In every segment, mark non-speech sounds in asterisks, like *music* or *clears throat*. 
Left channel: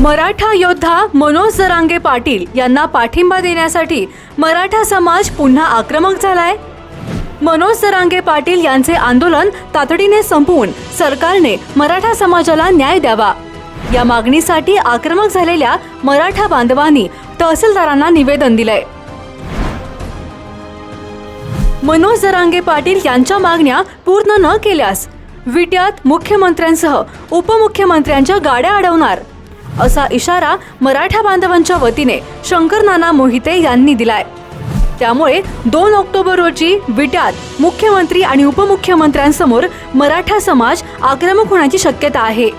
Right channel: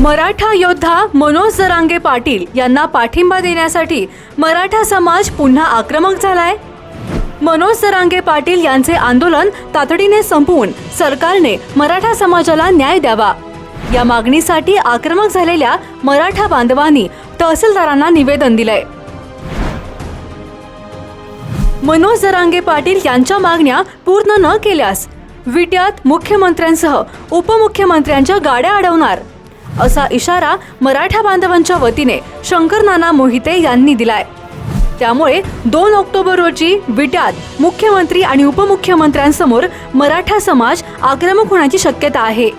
मराठा योद्धा मनोज जरांगे पाटील यांना पाठिंबा देण्यासाठी मराठा समाज पुन्हा आक्रमक झालाय. मनोज जरांगे पाटील यांचे आंदोलन तातडीने संपवून सरकारने मराठा समाजाला न्याय द्यावा. या मागणीसाठी आक्रमक झालेल्या मराठा बांधवांनी तहसीलदारांना निवेदन दिलंय. मनोज जरांगे पाटील यांच्या मागण्या पूर्ण न केल्यास विट्यात मुख्यमंत्र्यांसह उपमुख्यमंत्र्यांच्या गाड्या अडवणार असा इशारा मराठा बांधवांच्या वतीने शंकर नाना मोहिते यांनी दिलाय. त्यामुळे दोन ऑक्टोबर रोजी विट्यात मुख्यमंत्री आणि उपमुख्यमंत्र्यांसमोर मराठा समाज आक्रमक होण्याची शक्यता आहे.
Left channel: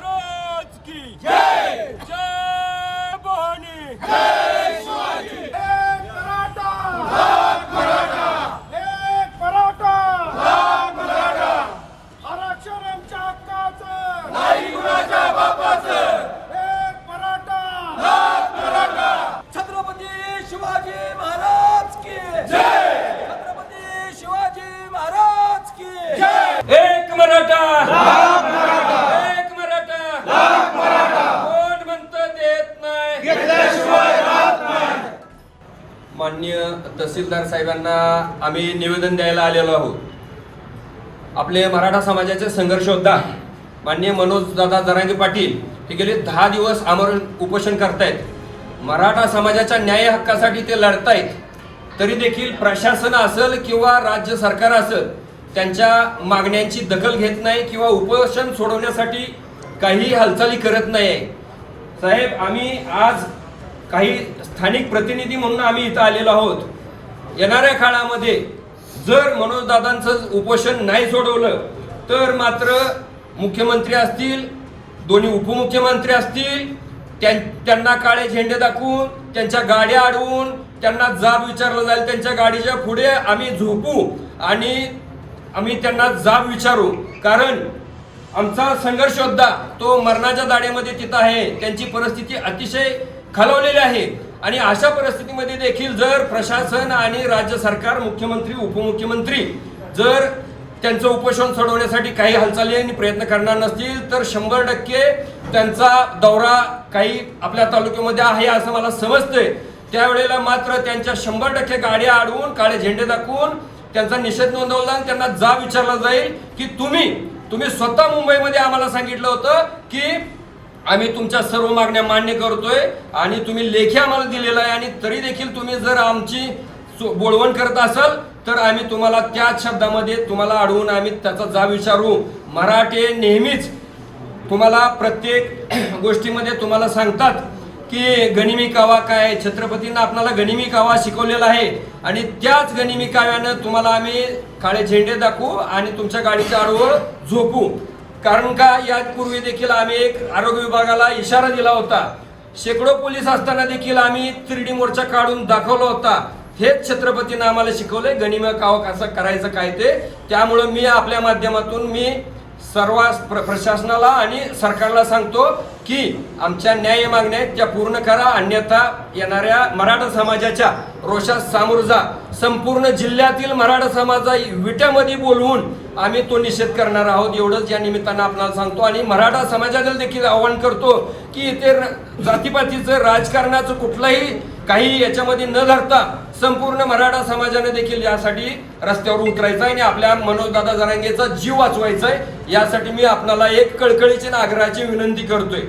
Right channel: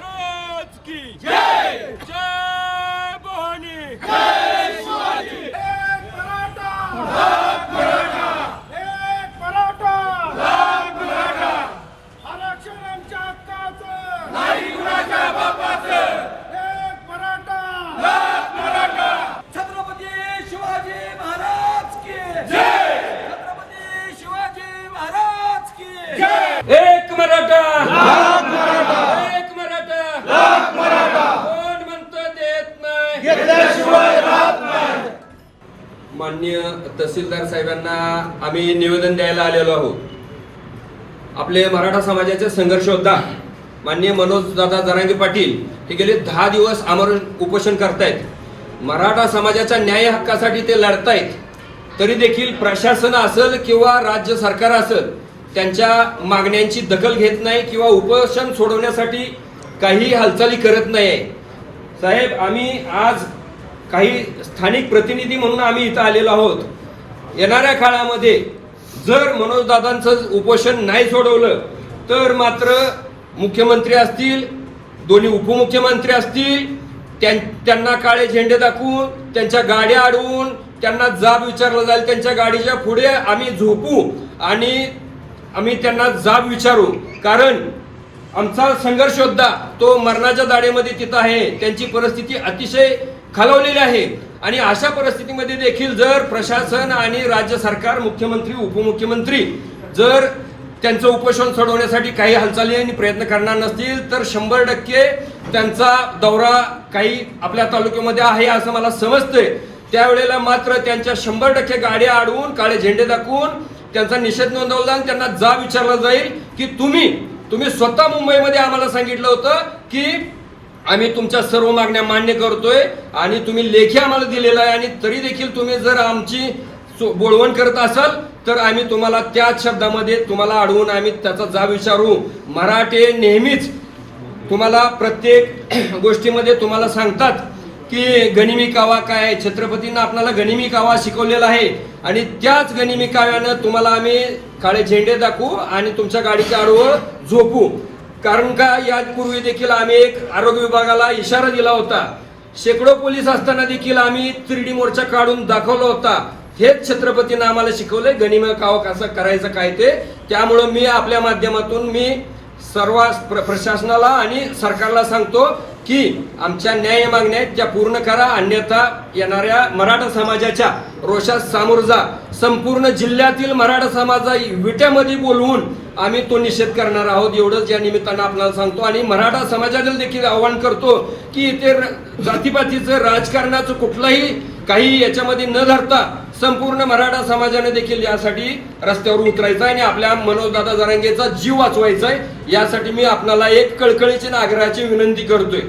महाराज की जय जय भवानी जय शिवाजी एक मराठा. लाख मराठा एक मराठा. लाख मराठा आरक्षण आमच्या हक्काचं. नाही कुणाच्या बापाचं एक मराठा लाख मराठा. छत्रपती शिवाजी महाराज की जय. छत्रपती शिवाजी महाराज की जय. एक मराठा एक मराठा कोण म्हणतो देत नाही माननीय तहसीलदार साहेबांना आम्ही निवेदन द्यायला आलेलो आहोत. आपले मराठा समाजाचे संघर्ष योद्धा माननीय मनोज दादा जरांगे पाटील हे गेले दहा दिवस आमरण उपोषण करतायत. मराठा समाजाच्या न्याय हक्कासाठी ते लढतायत. तरी देखील प्रशासन असेल किंवा राज्य सरकार असेल त्यांच्या मागण्यांची दखल घेत नाही किंवा उपोषण सोडवण्यासाठी काही हालचाली करत नाही साहेब आम्ही आज काही स्थानिक प्रतिनिधी म्हणून आम्ही इथं आलेलो आहोत. येणाऱ्या काळामध्ये जर मनोजदादांचं उपोषण नाही सोडवलं तर मात्र मुख्यमंत्री असतील दोन्ही उपमुख्यमंत्री असतील त्यां- त्यांना काळे झेंडे दाखवून त्यांच्या गाड्या अडवून त्यांना जाब विचारला जाईल त्यांच्या गाडीच्या पुढे आम्ही झोपू आणि आम्ही त्यांना जाब विचारू. कारण आमचा संघर्ष योद्धा तो मरणाच्या दाडेमध्ये तिथं आहे. त्यांची परिस्थिती अतिशय खालवलेले आहे. आणि अशा परिस्थितीमध्ये देखील जर प्रशासन आणि राज्य सरकार मुख्यमंत्री उपमुख्यमंत्री जर त्यांचं उपोषण सोडवण्यासाठी काही हालचाली आणि प्रयत्न करणार नसतील तर शंभर टक्के त्यांचा दौरा काही आपल्या तालुक्यामध्ये आहे असं मला समजतंय. त्यावेळेला मात्र त्यांच्या शंभर टक्के गाड्या अडवून काळे झेंडे दाखवून त्यांचा निषेध नोंदवला आणि त्यांना जा विचारला जाईल की तुम्ही तुम्ही स्वतः मुंबईमध्ये आम्हाला सांगितलं होतं की आम्ही तुमच्या सर्व मागण्या मान्य करतोय आणि तुम्ही लेखी आम्हाला दिलेला आहे आणि तरी देखील तुम्ही जर आमची सो- बोळवण करत असाल तर आम्ही तुम्हाला त्याच शब्दामध्ये तुम्हाला अडवून आम्ही त्याचा जा विचारू. मराठे नेहमीच तुम्हाला प्रत्येक *clears throat* गोष्टीमध्ये तुम्हाला सांगतात की गनिमी कावा काय छत्रपतींना आपल्याला गनिमी कावा शिकवलेला आहे. आणि त्याच गनिमी काव्यानं तुम्हाला आम्ही काळे झेंडे दाखवू आणि तुमच्या गाडीच्या आडवर झोपू. कारण का? यापूर्वी देखील आम्ही एक आरोग्य विभागाला इशारा दिला होता. शेकडो पोलीस असताना देखील आम्ही तिरडी मोर्चा काढून दाखवला होता. हेच छत्रपतीनं आम्हाला शिकवलंय. गनिमा काव कसं करायचं काय ते. त्यामुळं मी आपल्या माध्यमातून मी सर्व प्र- प्रशासनाला आणि सरकारला सांगतो की आमच्या न्याय मागण्या आहेत त्या पूर्ण करा अन्यथा येणाऱ्या मराठा समाजाच्या रोषात सामोर जा. संपूर्ण जिल्ह्यातील मराठा समाजा विट्यामध्ये बोलवून आम्ही तो निषेध करणार आहोत. एवढंच या निमित्तानं आपल्याला सांगतो आणि मराठा समाजाला देखील आवाहन करतो की इथे जातीपातीचं राजकारणाचं कुठलाही काही याच्यामध्ये न धरता संपूर्ण मराठा समाजाने देखील यासाठी रस्त्यावर उतरायचं आहे आणि आपल्या मनोजदादा जरांगेचा जीव वाचवायचा आहे. यासाठी मी आपल्याला एक कळकळीची आग्रहाची विनंती करतोय.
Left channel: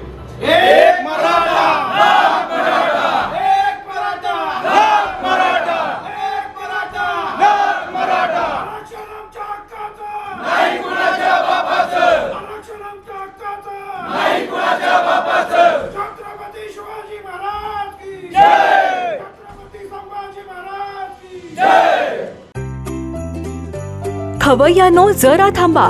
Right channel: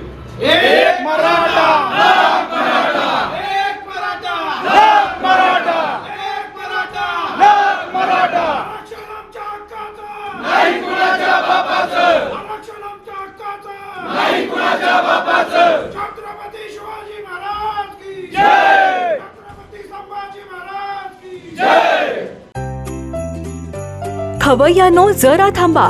आरक्षण आमच्या हक्काचं. नाही कुणाच्या बापाचं. आरक्षण आमच्या हक्काचं. नाही कुणाच्या बापाचं. छत्रपती शिवाजी महाराज की. जय. छत्रपती संभाजी महाराज की. जय. खवय्यानो जरा थांबा.